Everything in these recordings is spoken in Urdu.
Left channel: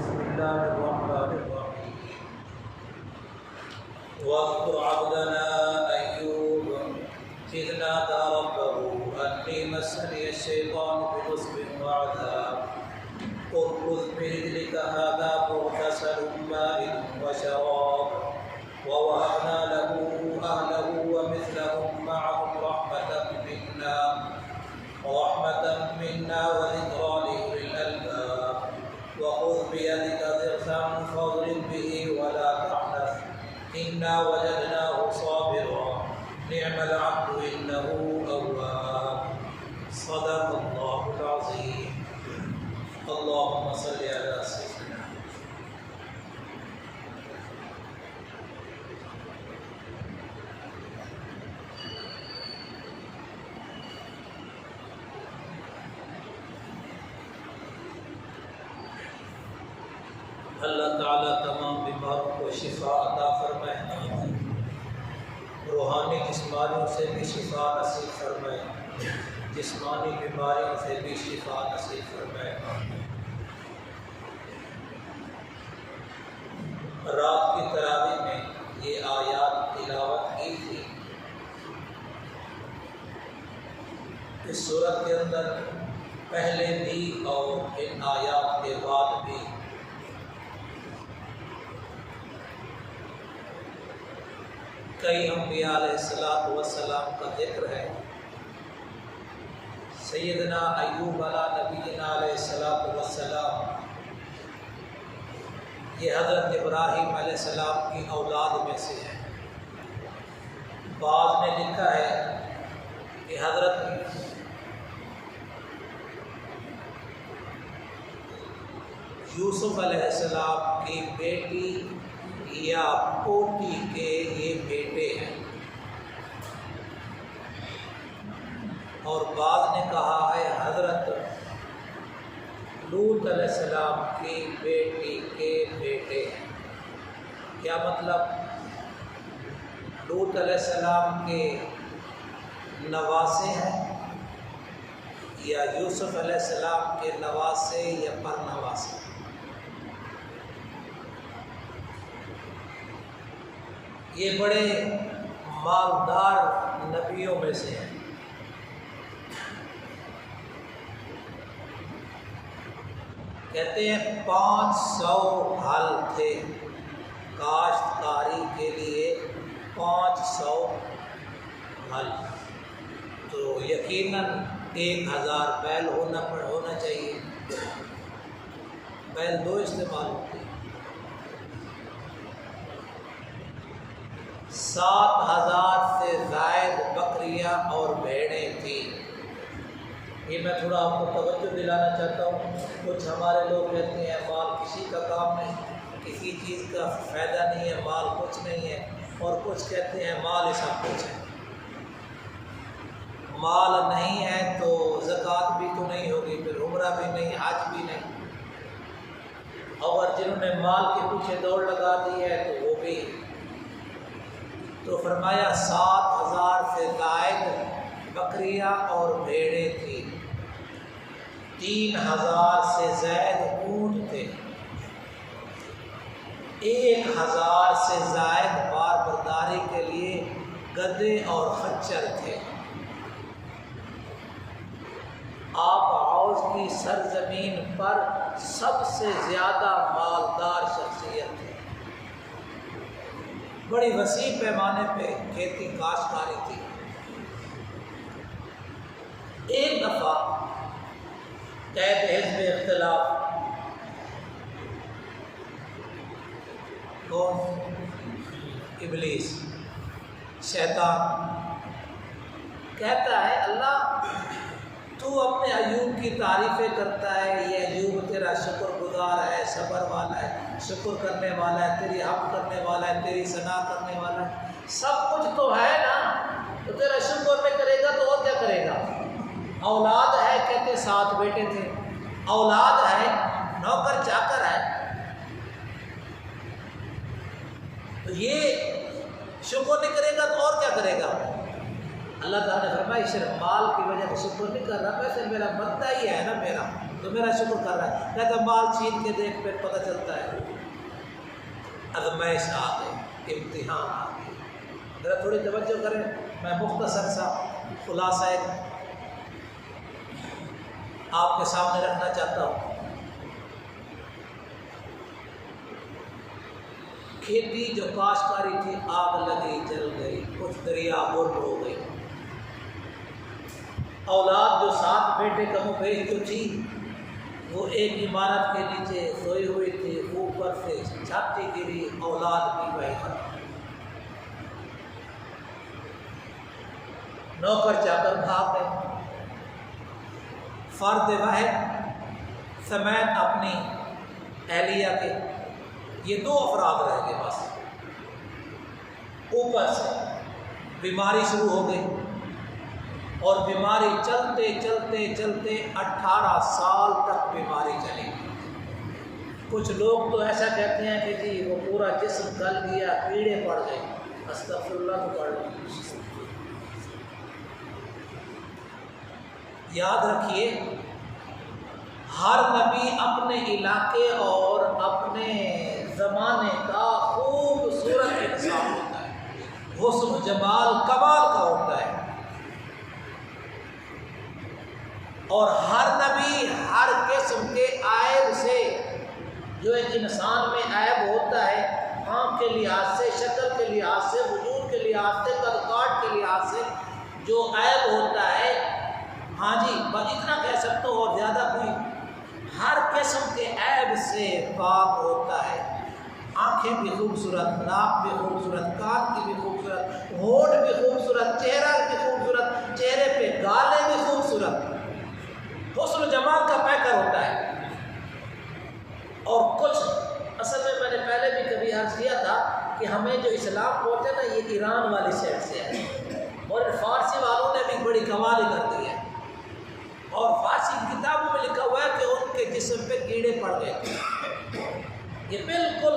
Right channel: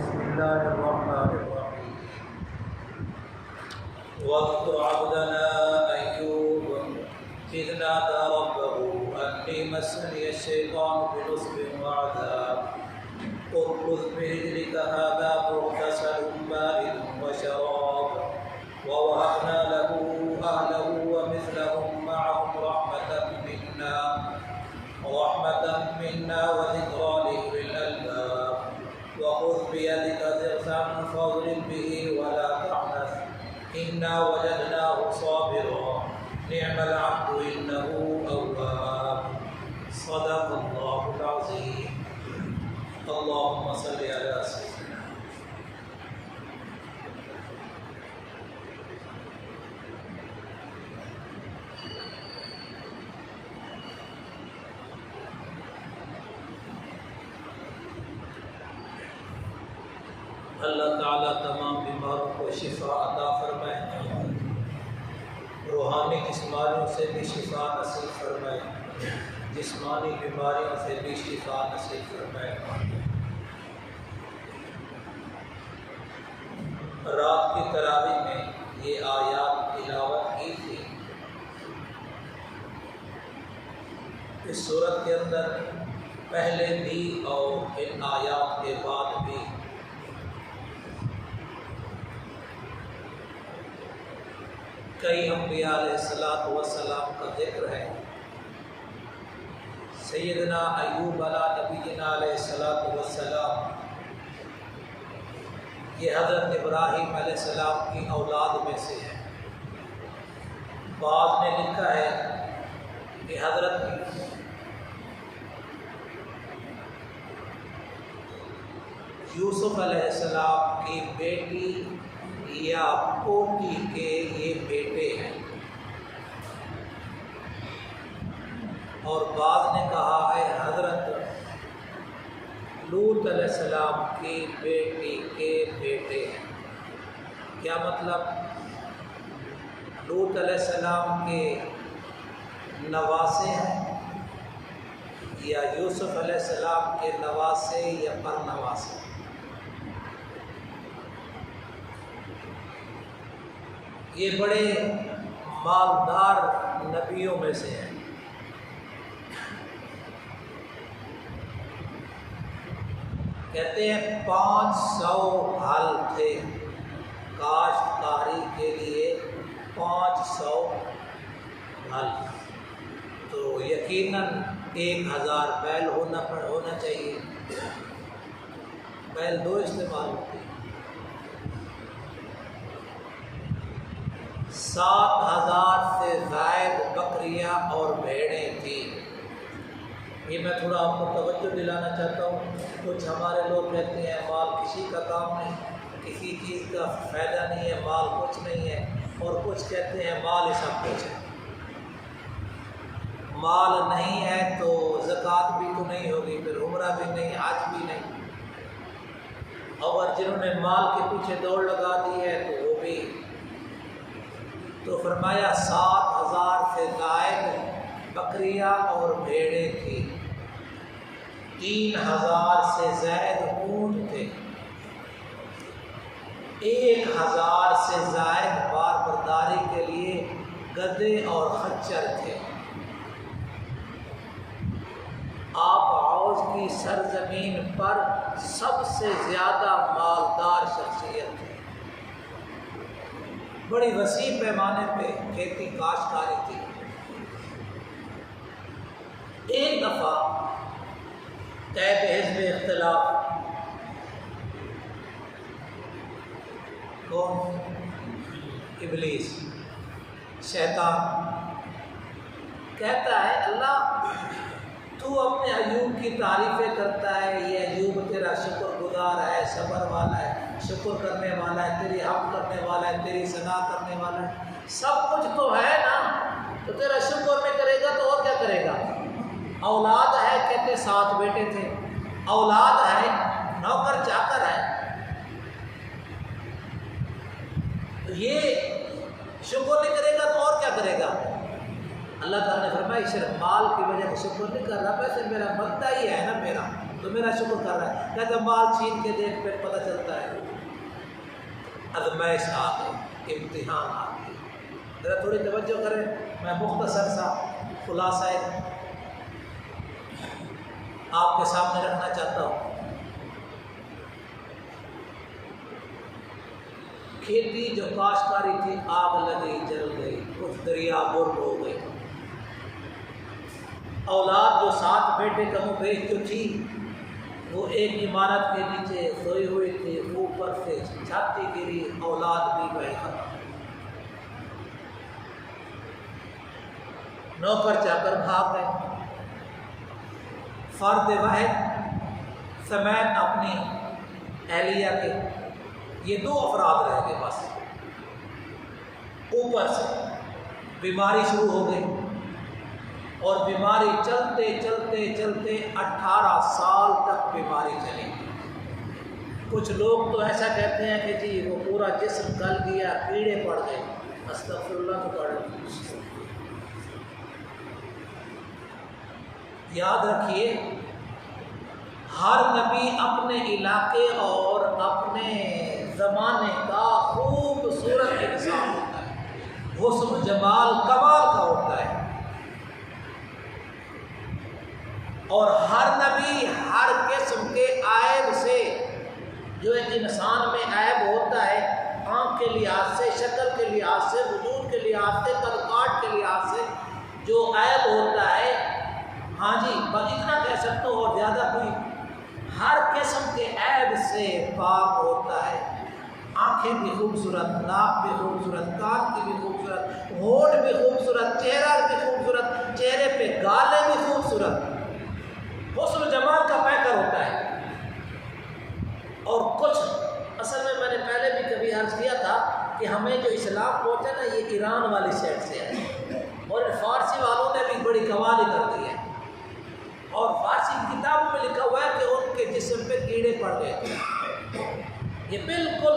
بسم الله الرحمن الرحيم واذكر عبدنا أيوب إذ نادى ربه أني مسني الشيطان بنصب وعذاب اركض برجلك هذا مغتسل بارد وشراب ووهبنا له أهله ومثلهم معهم رحمة منا وذكرى لأولي الألباب وخذ بيدك ضغثا فاضرب به ولا تحنث إنا وجدناه صابرا نعم العبد إنه أواب صدق الله العظيم اللهم صل على سيدنا اللہ تعالیٰ تمام بیماروں کو شفا عطا فرمائے، روحانی جسمانیوں سے بھی شفا نصیب فرمائے، جسمانی بیماریوں سے بھی شفا نصیب فرمائے۔ رات کی تراویح میں یہ آیات تلاوت کی تھی۔ اس صورت کے اندر پہلے بھی اور ان آیات کے بعد بھی کئی انبیاء علیہ السلام کا ذکر ہے۔ سیدنا ایوب علیہ نبینا علیہ السلام یہ حضرت ابراہیم علیہ السلام کی اولاد میں سے ہے۔ بعض نے لکھا ہے کہ حضرت یوسف علیہ السلام کی بیٹی یا پوتی کے یہ بیٹے ہیں، اور بعض نے کہا ہے حضرت لوط علیہ السلام کی بیٹی کے بیٹے ہیں۔ کیا مطلب؟ لوط علیہ السلام کے نواسے ہیں یا یوسف علیہ السلام کے نواسے یا پر نواسے؟ یہ بڑے مالدار نبیوں میں سے ہیں۔ کہتے ہیں 500 ہل تھے، کاشتکاری کے لیے 500 ہل، تو یقیناً 1000 بیل ہونا چاہیے۔ بیل 2 استعمال ہوتے ہیں۔ 7000 سے زائد بکریاں اور بھیڑیں تھیں۔ یہ میں تھوڑا آپ کو توجہ دلانا چاہتا ہوں۔ کچھ ہمارے لوگ کہتے ہیں مال کسی کا کام نہیں، کسی چیز کا فائدہ نہیں ہے، مال کچھ نہیں ہے، اور کچھ کہتے ہیں مال ہی سب کچھ ہے۔ مال نہیں ہے تو زکوٰۃ بھی تو نہیں ہوگی، پھر عمرہ بھی نہیں، حج بھی نہیں، اور جنہوں نے مال کے پیچھے دوڑ لگا دی ہے تو وہ بھی۔ تو فرمایا 7000 سے زائد بکریاں اور بھیڑیں تھیں، 3000 سے زائد اونٹ تھے، 1000 سے زائد بار برداری کے لیے گدھے اور خچر تھے۔ آپ عوض کی سرزمین پر سب سے زیادہ مالدار شخصیت تھے۔ بڑی وسیع پیمانے پہ کھیتی کاشتکاری تھی۔ ایک دفعہ تحت حزب اختلاف، کون؟ ابلیس، شیطان، کہتا ہے اللہ تو اپنے ایوب کی تعریفیں کرتا ہے، یہ ایوب تیرا شکر گزار ہے، صبر والا ہے، شکر کرنے والا ہے، تیری حمد کرنے والا ہے، تیری ثنا کرنے والا ہے، سب کچھ تو ہے نا، تو تیرا شکر نہیں کرے گا تو اور کیا کرے گا؟ اولاد ہے، کہتے 7 بیٹے تھے، اولاد ہے، نوکر چاکر ہے، تو یہ شکر نہیں کرے گا تو اور کیا کرے گا؟ اللہ تعالیٰ نے فرمایا صرف مال کی وجہ سے شکر نہیں کر رہا، ویسے میرا بندہ ہی ہے نا میرا، تو میرا شکر کر رہا ہے۔ کہتا مال چھین کے دیکھ پھر پتہ چلتا ہے آزمائش آ گئی، امتحان آ گئی۔ ذرا تھوڑی توجہ کریں، میں مختصر سا خلاصہ آپ کے سامنے رکھنا چاہتا ہوں۔ کھیتی جو کاشتکاری تھی آگ لگی جل گئی، کچھ دریا بر ہو گئی۔ اولاد جو 7 بیٹے کم و بیش جو تھی وہ ایک عمارت کے نیچے سوئی ہوئی تھی، اوپر سے چھاتی گری، اولاد بھی وہی ختم۔ نوکر چاکر بھاگ گئے، فرد واحد سمیت اپنی اہلیہ کے یہ 2 افراد رہ گئے بس۔ اوپر سے بیماری شروع ہو گئی، اور بیماری چلتے چلتے چلتے 18 سال تک بیماری چلی۔ کچھ لوگ تو ایسا کہتے ہیں کہ جی وہ پورا جسم گل گیا، کیڑے پڑ گئے، استغفر اللہ تو پڑھ لیں۔ یاد رکھیے ہر نبی اپنے علاقے اور اپنے زمانے کا خوبصورت انسان ہوتا ہے، حسن و جمال کمال کا ہوتا ہے، اور ہر نبی ہر قسم کے عیب سے، جو ایک انسان میں عیب ہوتا ہے آنکھ کے لحاظ سے، شکل کے لحاظ سے، وجود کے لحاظ سے، قد کاٹ کے لحاظ سے جو عیب ہوتا ہے، ہاں جی بس اتنا کہہ سکتا ہوں اور زیادہ کوئی، ہر قسم کے عیب سے پاک ہوتا ہے۔ آنکھیں بھی خوبصورت، ناک بھی خوبصورت، کان کی بھی خوبصورت، ہونٹ بھی خوبصورت، چہرہ بھی خوبصورت، چہرے پہ گالیں بھی خوبصورت، حسن و جمال کا پیکر ہوتا ہے۔ اور کچھ اصل میں نے پہلے بھی کبھی عرض کیا تھا کہ ہمیں جو اسلام پہنچا نا یہ ایران والی سائڈ سے ہے، اور فارسی والوں نے بھی بڑی کمال کر دی ہے، اور فارسی کتابوں میں لکھا ہوا ہے کہ ان کے جسم پہ کیڑے پڑ گئے تھے۔ یہ بالکل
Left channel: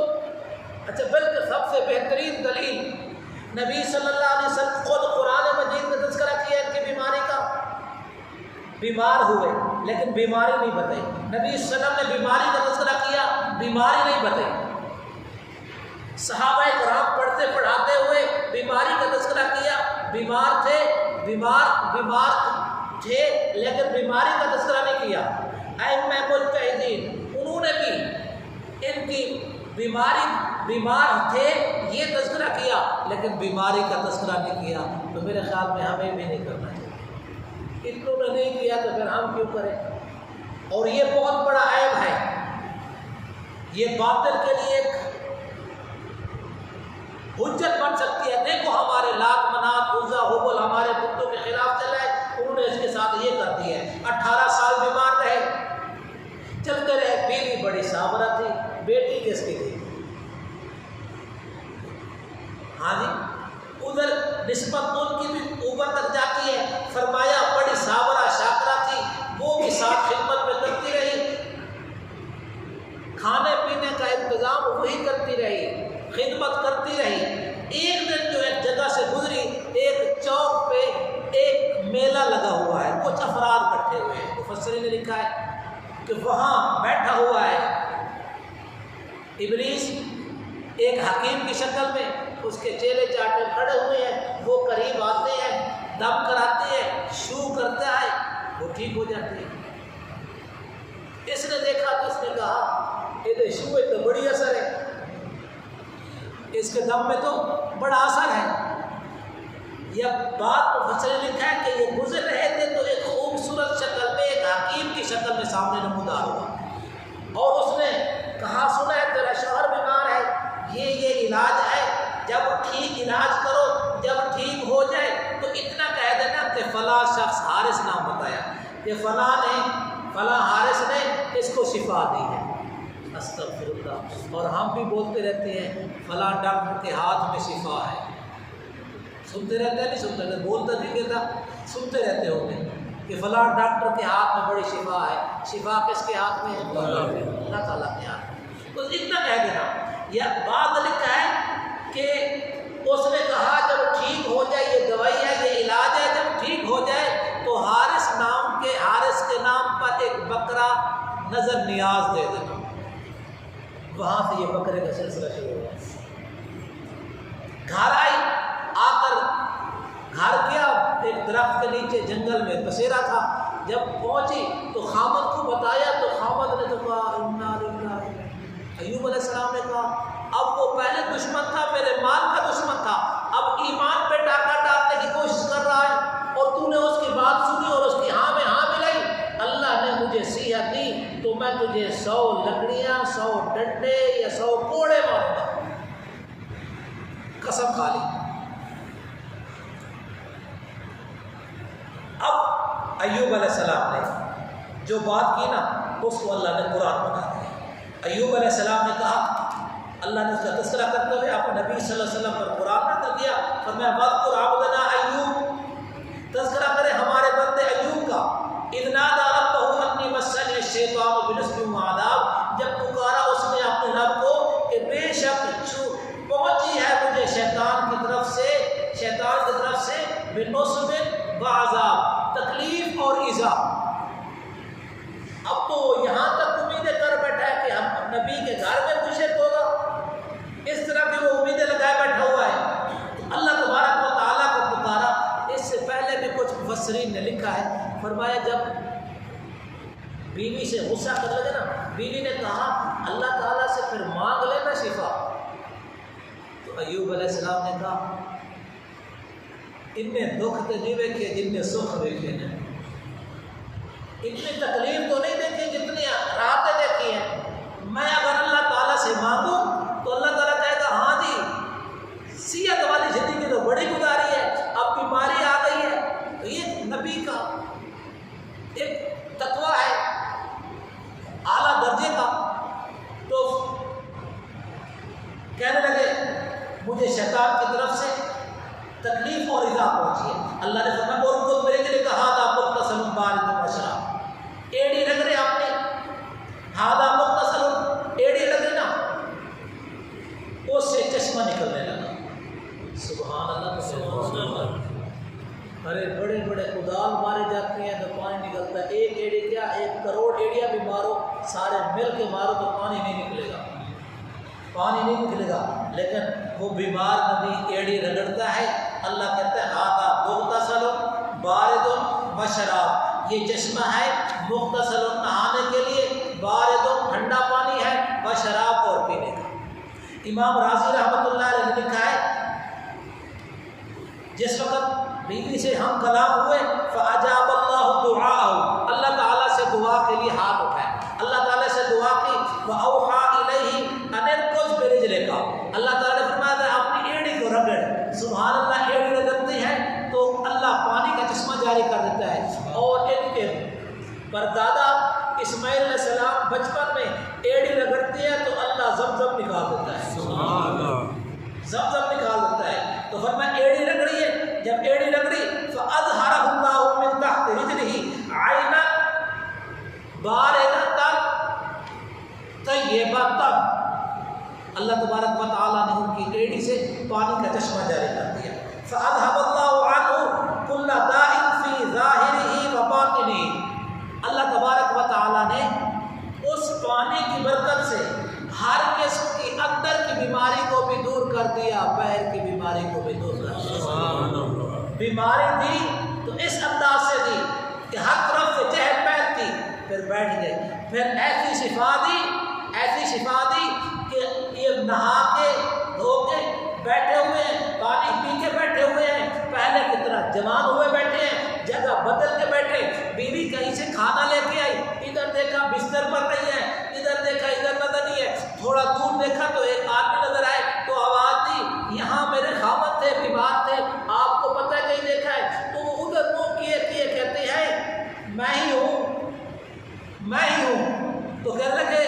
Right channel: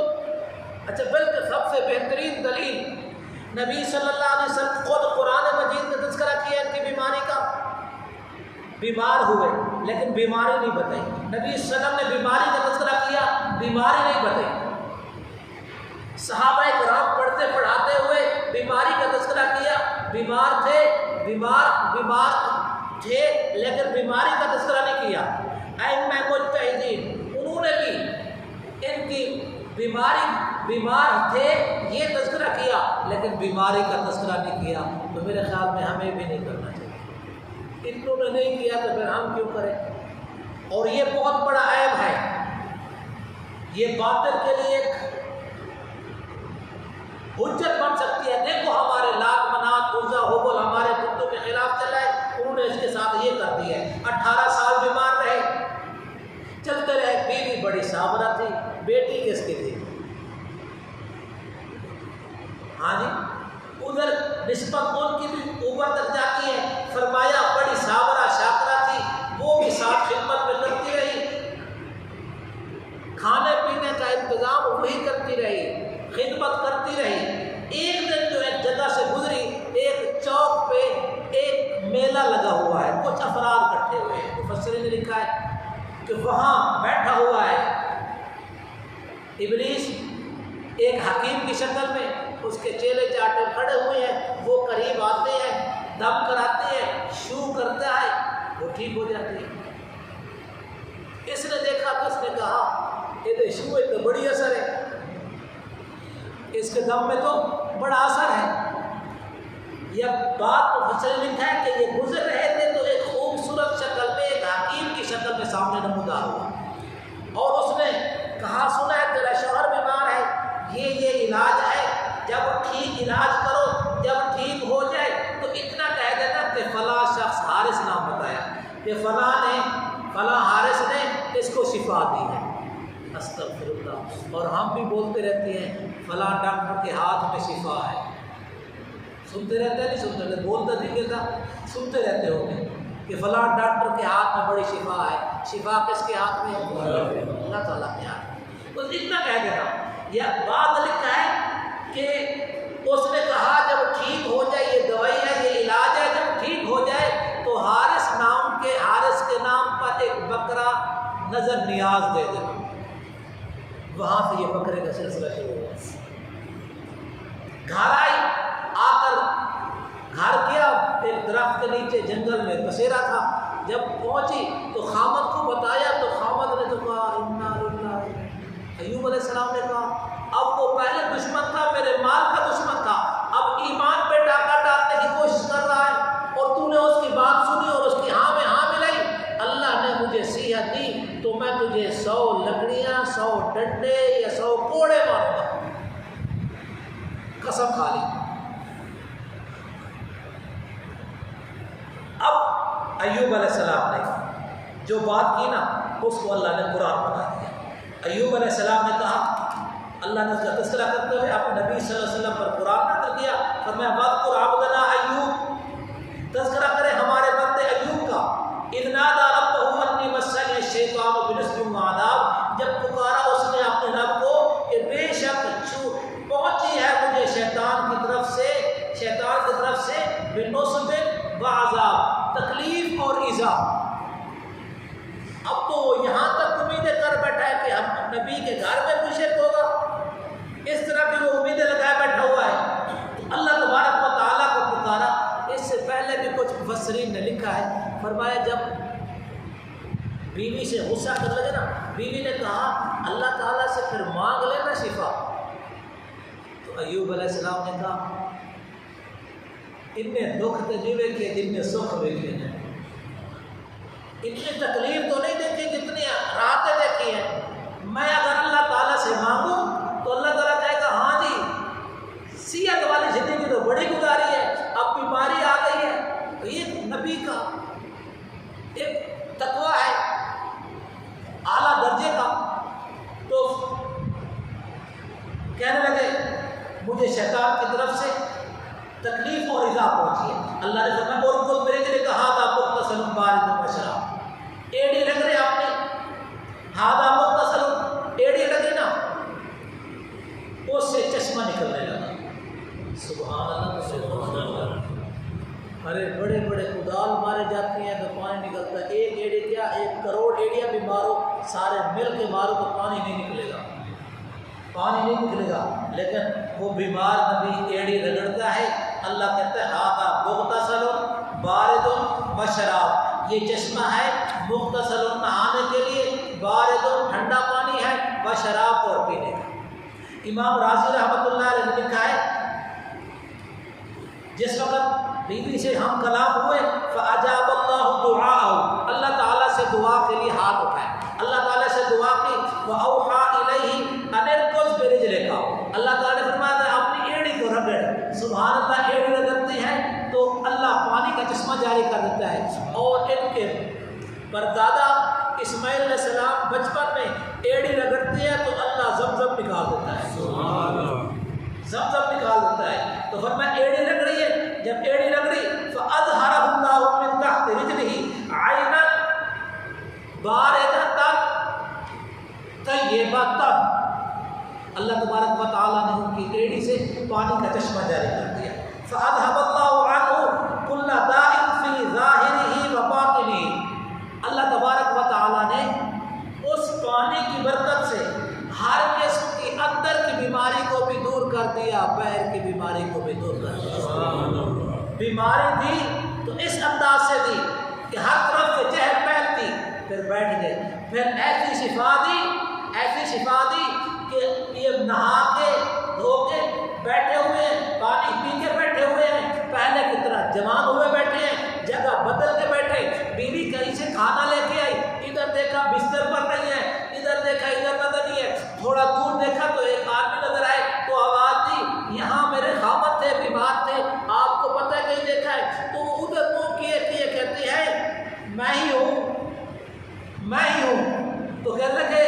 اچھا، بلکہ سب سے بہترین دلیل نبی صلی اللہ علیہ وسلم خود قرآن مجید نے تذکرہ کیا ان کی بیماری کا۔ بیمار ہوئے لیکن بیماری نہیں بتائی، نبی صلی اللہ علیہ وسلم نے بیماری کا تذکرہ کیا، بیماری نہیں بتائی۔ صحابہ کرام پڑھتے پڑھاتے ہوئے بیماری کا تذکرہ کیا، بیمار تھے، بیمار تھے لیکن بیماری کا تذکرہ نہیں کیا۔ ائمہ مجتہدین انہوں نے بھی ان کی بیمار تھے یہ تذکرہ کیا، لیکن بیماری کا تذکرہ نہیں کیا۔ تو میرے خیال میں ہمیں بھی نہیں کرنا چاہیے، اتنوں نے نہیں کیا تو پھر ہم کیوں کریں؟ اور یہ بہت بڑا عیب ہے، یہ باطل کے لیے ایک حجت بن سکتی ہے۔ دیکھو ہمارے لات منات عزا حبل ہمارے بتوں کے خلاف چلا ہے، انہوں نے اس کے ساتھ یہ کر دیا ہے۔ 18 سال بیمار رہے، چلتے رہے، بیوی بڑی صابرہ تھی، بیٹی کس کی تھی؟ ہاں جی، ادھر نسبت ان کی بھی اوپر تک جاتی ہے۔ فرمایا بڑی صابرہ شاکرہ تھی، وہ بھی ساتھ خدمت میں کرتی رہی، کھانے پینے کا انتظام وہی کرتی رہی، خدمت کرتی رہی۔ ایک دن جو ایک جگہ سے گزری، ایک چوک پہ ایک میلہ لگا ہوا ہے، کچھ افراد اکٹھے ہوئے ہیں، مفسرین نے لکھا ہے کہ وہاں بیٹھا ہوا ہے ابلیس ایک حکیم کی شکل میں، اس کے چیلے چاٹے کھڑے ہوئے ہیں، وہ قریب آتے ہیں، دم کراتے ہیں، شو کرتا ہے، وہ ٹھیک ہو جاتی ہے۔ اس نے دیکھا تو اس نے کہا یہ شو تو بڑی اثر ہے، اس کے دم میں تو بڑا اثر ہے۔ یہ بات مفسر نے لکھا ہے کہ یہ گزر رہے تھے تو ایک خوبصورت شکل میں، ایک حکیم کی شکل میں سامنے نمودار ہوا، اور اس نے کہا سنا ہے تیرا شوہر بیمار ہے، یہ علاج ہے، جب ٹھیک علاج کرو، جب ٹھیک ہو جائے تو اتنا کہہ دینا کہ فلاں شخص حارث نام بتایا کہ فلاں حارث نے اس کو شفا دی ہے۔ استغفر اللہ۔ اور ہم بھی بولتے رہتے ہیں فلاں ڈاکٹر کے ہاتھ میں شفا ہے، سنتے رہتے ہیں، نہیں سنتے رہتے، بولتا نہیں کہتا، سنتے رہتے ہوتے کہ فلاں ڈاکٹر کے ہاتھ میں بڑی شفا ہے۔ شفا کس کے ہاتھ میں ہے؟ اللہ تعالیٰ کے ہاتھ میں۔ بس اتنا کہہ دینا۔ یہ بات لکھا ہے کہ اس نے کہا جب ٹھیک ہو جائے، یہ دوائی ہے، یہ علاج ہے، جب ٹھیک ہو جائے تو حارث کے نام پر ایک بکرا نظر نیاز دے دینا۔ وہاں سے یہ بکرے کا سلسلہ شروع ہوا۔ گھر آئی، آ کر گھر کیا ایک درخت کے نیچے جنگل میں بسیرا تھا۔ جب پہنچی تو خامد کو بتایا تو خامد نے تو کہا انا للہ۔ ایوب علیہ السلام نے کہا اب وہ پہلے دشمن تھا، میرے مال کا دشمن تھا، اب ایمان پہ ڈاکہ ڈالنے کی کوشش کر رہا ہے، اور تو نے اس کی بات سنی اور اس کی ہاں میں ہاں ملائی۔ اللہ نے مجھے صحت دی تو میں تجھے 100 لکڑیاں، 100 ڈنڈے یا 100 کوڑے ماروں گا۔ قسم کھا لی۔ اب ایوب علیہ السلام نے جو بات کی نا اس کو اللہ نے قرآن بنا دیا۔ ایوب علیہ السلام نے کہا، اللہ نے اس کا تذکرہ کرتے ہوئے اپنے نبی صلی اللہ علیہ وسلم پر قرآن نازل کیا، فرمایا وَاذْكُرْ عَبْدَنَا ایوب، تذکرہ کرے ہمارے بندے ایوب کا، اِذْ نَادَىٰ رَبَّهُ أَنِّي مَسَّنِيَ الشَّيْطَانُ بِنُصْبٍ وَعَذَابٍ، جب پکارا اس نے اپنے رب کو کہ بے شک پہنچی ہے مجھے شیطان کی طرف سے بِنُصْبٍ وَعَذَابٍ، تکلیف اور ایذا۔ اب تو یہاں تک امیدیں کر بیٹھا ہے کہ ہم نبی کے گھر میں کچھ ہوگا، اس طرح کی وہ امیدیں لگائے بیٹھا ہوا ہے۔ تو اللہ تبارک و تعالیٰ کو پکارا۔ اس سے پہلے بھی کچھ مفسرین نے لکھا ہے، فرمایا جب بیوی سے غصہ کر لگے نا، بیوی نے کہا اللہ تعالیٰ سے پھر مانگ لینا شفا، تو ایوب علیہ السلام نے کہا ان نے دکھ تو نہیں دیکھے جن نے سکھ دیکھے ہیں، اتنی تکلیف تو نہیں دیکھی جتنی راحتیں دیکھی ہیں۔ میں اگر اللہ تعالیٰ سے مانگوں تو اللہ تعالیٰ کہے گا ہاں جی صحت والی زندگی تو بڑی گزاری ہے، اب بیماری آ گئی ہے۔ تو یہ نبی کا ایک تقویٰ ہے اعلیٰ درجے کا۔ تو کہنے لگے مجھے شیطان کی طرف سے تکلیف اور ایذا پہنچی ہے۔ اللہ نے فرمایا اور ان کو میرے لیے کہا تھا مختصر بارد وشراب، ایڑی رگڑے اپنی، ہادہ مختصر ایڑی رگڑی نا، اس سے چشمہ نکلنے لگا۔ سبحان اللہ، سبحان اللہ۔ ارے بڑے بڑے کدال مارے جاتے ہیں تو پانی نکلتا ہے، ایک ایڑی کیا 1 کروڑ ایڑیاں بھی مارو، سارے مل کے مارو تو پانی نہیں نکلے گا، پانی نہیں نکلے گا۔ لیکن وہ بیمار نبی ایڑی رگڑتا ہے، اللہ کہتا ہے ہادہ مغتسل بارد وشراب، یہ چشمہ ہے مغتسل نہانے کے لیے، بارد ٹھنڈا پانی ہے، وشراب اور پینے کا۔ امام راضی رحمۃ اللہ علیہ نے لکھا ہے جس وقت بیوی سے ہم کلام ہوئے فَأَجَابَ اللَّهُ دُعَاءَهُ، اللہ تعالیٰ سے دعا کے لیے ہاتھ اٹھائے، اللہ تعالیٰ سے دعا کی، وَأَوْحَىٰ إِلَيْهِ أَنِ ارْكُضْ بِرِجْلِكَ، اللہ تعالیٰ نے فرمایا تھا اپنی ایڑی کو رگڑ۔ سبحان اللہ، ایڑی رگڑتی ہے تو اللہ پانی کا چشمہ جاری کر دیتا ہے۔ اور ان کے پردادا اسماعیل علیہ السلام بچپن میں ایڑی رگڑتی ہے تو اللہ زمزم نکال دیتا ہے، زمزم نکال دیتا ہے۔ تو فرمایا ایڑی رگڑی ہے، جب ایڑی رگڑی فَأَظْهَرَهُ اللَّهُ مِن تَحْتِ رِجْلِهِ عَيْنًا بَارِدَةً طَيِّبَةً، اللہ تبارک و تعالیٰ نے ان کی ایڑی سے پانی کا چشمہ جاری کر دیا۔ فَأَذْهَبَ اللَّهُ عَنْهُ كُلَّ دَاءٍ فِي ظَاهِرِهِ وَبَاطِنِهِ، اللہ تبارک و تعالیٰ نے اس پانی کی برکت سے ہر قسم کی اندر کی بیماری کو بھی دور کر دیا، باہر کی بیماری کو بھی دور کر دیا۔ بیماری دی تو اس انداز سے دی کہ ہر طرف سے چہل پہل تھی، پھر بیٹھ گئے، پھر ایسی شفا دی کہ یہ نہا کے دھو کے بیٹھے ہوئے ہیں، پانی پی کے بیٹھے ہوئے ہیں، پہلے کی طرح جوان ہوئے بیٹھے ہیں، جگہ بدل کے بیٹھے۔ بیوی کہیں سے کھانا لے کے آئی، ادھر دیکھا بستر پر نہیں ہے، ادھر دیکھا ادھر نظر نہیں ہے، تھوڑا دور دیکھا تو ایک آدمی نظر آئے تو آواز دی یہاں میرے خامد تھے، بیمار تھے، آپ کو پتہ نہیں دیکھا ہے؟ تو وہ ادھر منہ کیے کہتے ہیں میں ہی ہوں۔ تو کہنے لگے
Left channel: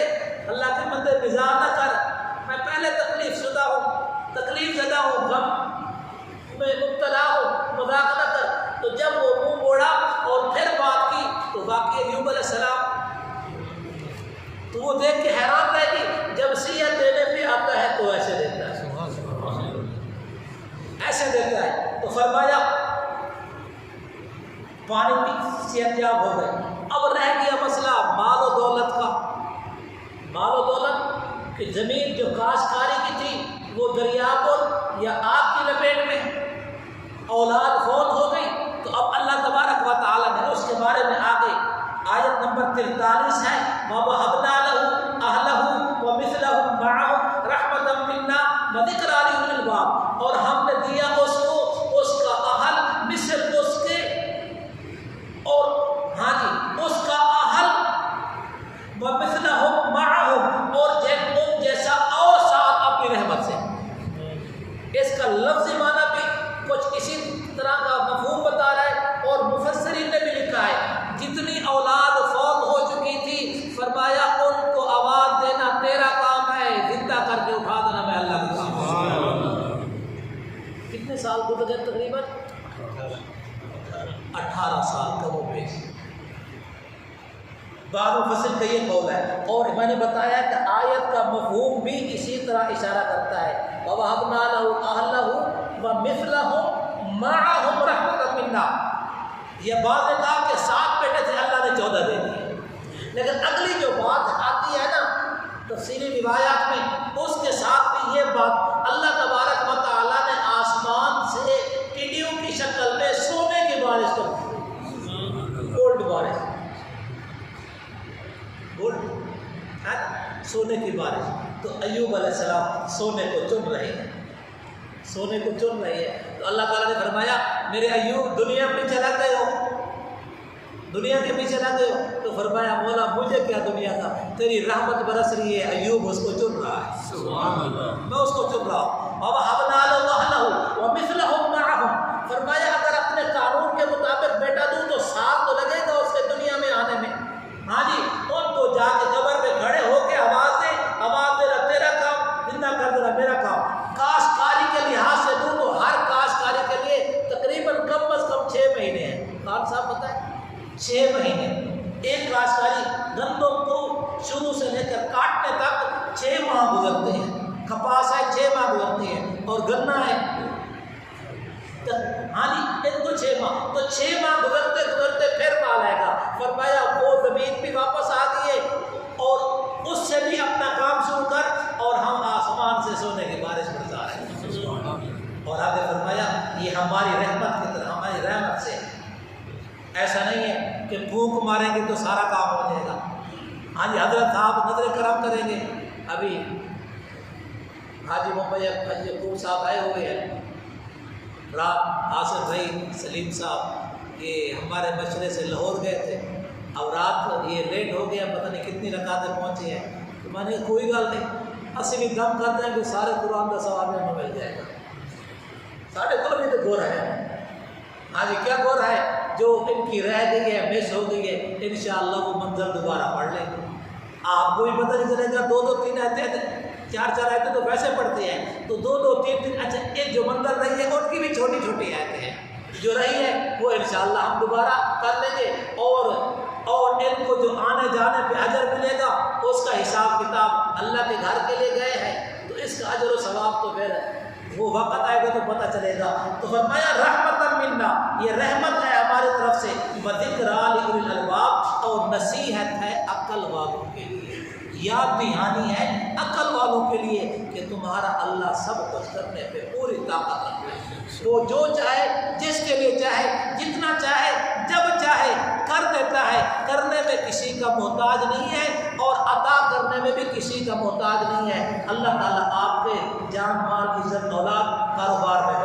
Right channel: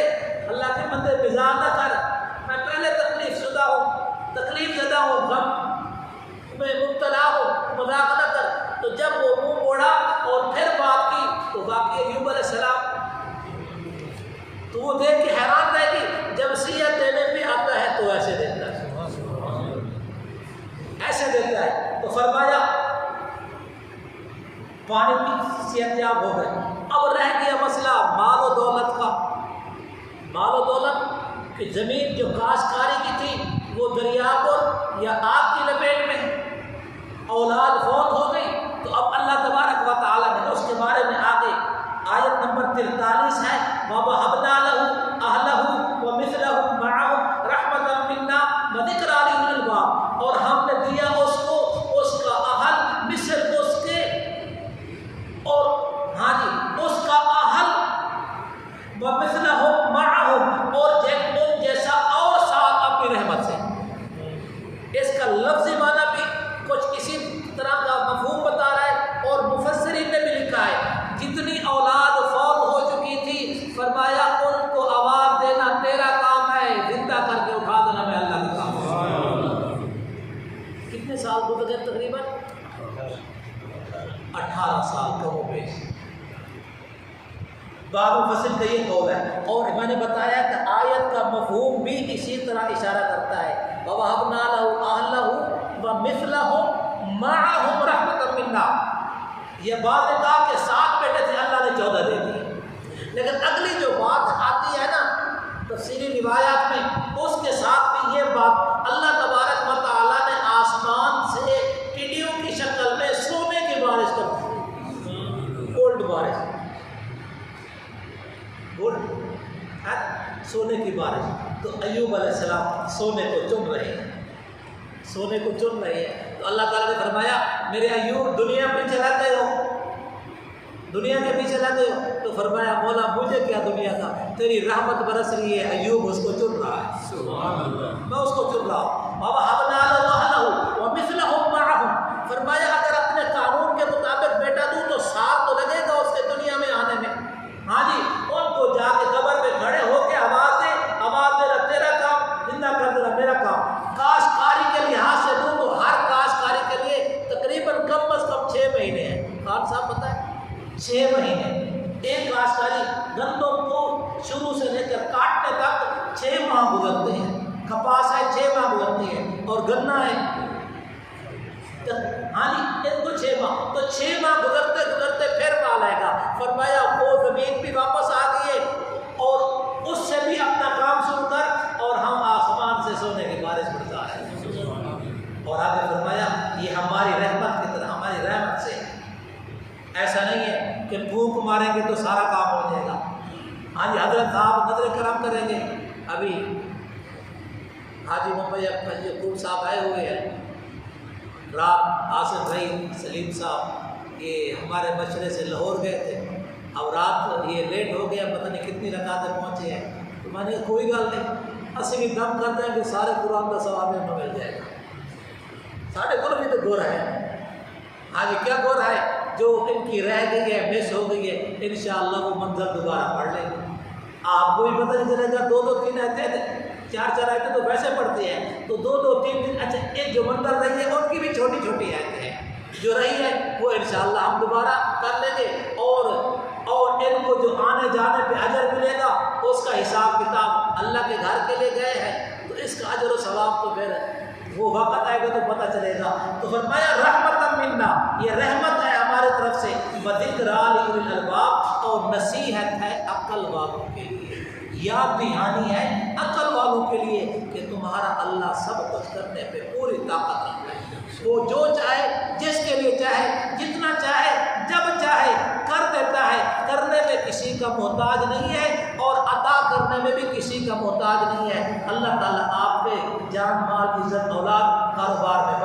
اللہ کے بندے مزاح نہ کر، میں پہلے تکلیف زدہ ہوں، غم میں مبتلا ہوں، مذاق نہ کر۔ تو جب وہ منہ موڑا اور پھر بات کی تو واقعی ایوب علیہ السلام تو وہ دیکھ کے حیران رہے گی، جب صحت دینے پہ آتا ہے تو ایسے دیتا ہے۔ صحت یاب ہو گئے. اب رہ گیا مسئلہ مال و دولت کا. مال و دولت کہ زمین جو کاشتکاری کی تھی وہ دریا پر یا آگ کی لپیٹ میں, اولاد فوت ہو گئی. تو اب اللہ تبارک و تعالیٰ نے اس کے بارے میں آگے آیت نمبر 43 ہے, وَوَهَبْنَا لَهُ أَهْلَهُ وَمِثْلَهُمْ مَعَهُمْ رَحْمَةً مِنَّا وَذِكْرَىٰ لِأُولِي الْأَلْبَابِ, اور ہم نے دیا اس کو اس کا اہل مثل اس کے, اور ہاں جی اس کا اہل وَمِثْلَهُمْ مَعَهُمْ, اور ان جیسا اور ساتھ اپنی رحمت سے. اس کا لفظی معنی بھی کچھ اسی طرح کا مفہوم بتا رہا ہے, اور مفسرین نے بھی لکھا ہے جتنی اولاد فوت ہو چکی تھی فرمایا ان کو آواز دینا تیرا کام ہے, زندہ کر کے اٹھا دینا میں اللہ کا کام ہے. کتنے سال گزر گئے؟ تقریباً 18 سال کم و بیش. بعض مفسر کا یہ قول ہے, اور میں نے بتایا کہ آیت کا مفہوم بھی اسی طرح اشارہ کرتا ہے, وَوَهَبْنَا لَهُ أَهْلَهُ وَمِثْلَهُم مَّعَهُمْ رَحْمَةً مِنَّا. یہ بعض نے کہا کہ 7 بیٹے تھے, اللہ نے 14 دے دیے, لیکن اگلی جو بات آتی ہے نا تفصیلی روایات میں, اس کے ساتھ بھی یہ بات اللہ تبارک و تعالیٰ نے آسمان سے ٹڈیوں کی شکل میں سونے کی بارش کر دی, گولڈ بارش, گولڈ سونے کی بارش. تو ایوب علیہ السلام سونے کو چن رہے ہیں, سونے کو چن رہے ہیں. تو اللہ تعالیٰ نے فرمایا میرے ایوب دنیا پیچھے لگ گئے ہو, دنیا کے پیچھے لگ گئے ہو. تو فرمایا مولا مجھے کیا دنیا کا, تیری رحمت برس رہی ہے, ایوب اس کو چن رہا ہے, میں اس کو چن رہا ہوں. وَوَهَبْنَا لَهُ أَهْلَهُ وَمِثْلَهُم مَّعَهُمْ, فرمایا اگر اپنے قانون کے مطابق بیٹا دوں تو سال تو لگے گا اس کے دنیا میں آنے میں. ہاں جی, ان کو جا کے قبر میں کھڑے ہو کے آواز دے, آواز دینا تیرا کام, زندہ کر دینا میرا کام. کاشتکاری کے لحاظ سے دوں تو ہر کاشتکاری کے لیے تقریباً کم از کم 6 مہینے ہیں. خان صاحب پتہ ہے 6 مہینے ایک کاشتکاری, گندم کو شروع سے لے کر کاٹنے تک 6 ماہ گزرتے ہیں. کپاس ہے 6 ماہ گزرتی ہے, اور گنا ہے ہاں جی ان کو 6 ماہ. تو 6 ماہ گزرتے گزرتے پھر مال آئے گا. فرمایا وہ زمین بھی واپس آ گئی ہے, اور اس سے بھی اپنا کام شروع کر, اور ہم آسمان سے سونے کی بارش برسا رہے ہیں. اور آگے فرمایا یہ ہماری رحمت کی طرح, ہماری رحمت سے. ایسا نہیں ہے کہ پھونک ماریں گے تو سارا کام ہو جائے گا. ہاں جی حضرت صاحب نظر کرم کریں گے. ابھی حاجی محمد حاجی یعقوب صاحب آئے ہوئے ہیں, رات آصف بھائی سلیم صاحب یہ ہمارے مشورے سے لاہور گئے تھے. اب رات یہ لیٹ ہو گیا, پتہ نہیں کتنی رکعتیں پہنچے ہیں. تو میں نے کوئی گل نہیں, اسی بھی دم کرتے ہیں کہ سارے قرآن کا ثواب ہمیں مل جائے گا. ساڑھے کو بھی تو گور ہے. ہاں جی کیا گور ہے, جو ان کی رہ گئی ہے, مس ہو گئی ہے, انشاءاللہ وہ منظر دوبارہ پڑھ لیں گے. آپ کو بھی پتہ نہیں چلے گا. 2-2-3 آیتیں 4-4 آیتیں تو ویسے پڑھتی ہیں, تو 2-2-3-3 اچھا ایک جو منظر رہی ہے ان کی بھی چھوٹی چھوٹی آیتیں ہیں جو رہی ہے, وہ انشاءاللہ ہم دوبارہ کر لیں گے. اور ان کو جو آنے جانے پہ اجر ملے گا اس کا حساب کتاب اللہ کے گھر کے لیے گئے ہیں, تو اس کا اجر و ثواب تو پھر وہ وقت آئے گا تو پتہ چلے گا. تو فرمایا رحمت منا, یہ رحمت ہے ہماری طرف سے, وذکریٰ لأولی الالباب, اور نصیحت ہے عقل والوں کے لیے, یاد دہانی ہے عقل والوں کے لیے کہ تمہارا اللہ سب کچھ کرنے پہ پوری طاقت رکھتا ہے. وہ جو چاہے, جس کے لیے چاہے, جتنا چاہے, جب چاہے کر دیتا ہے. کرنے میں کسی کا محتاج نہیں ہے, اور عطا کرنے میں بھی کسی کا محتاج نہیں ہے. اللہ تعالیٰ آپ کے جان مال عزت اولاد کاروبار میں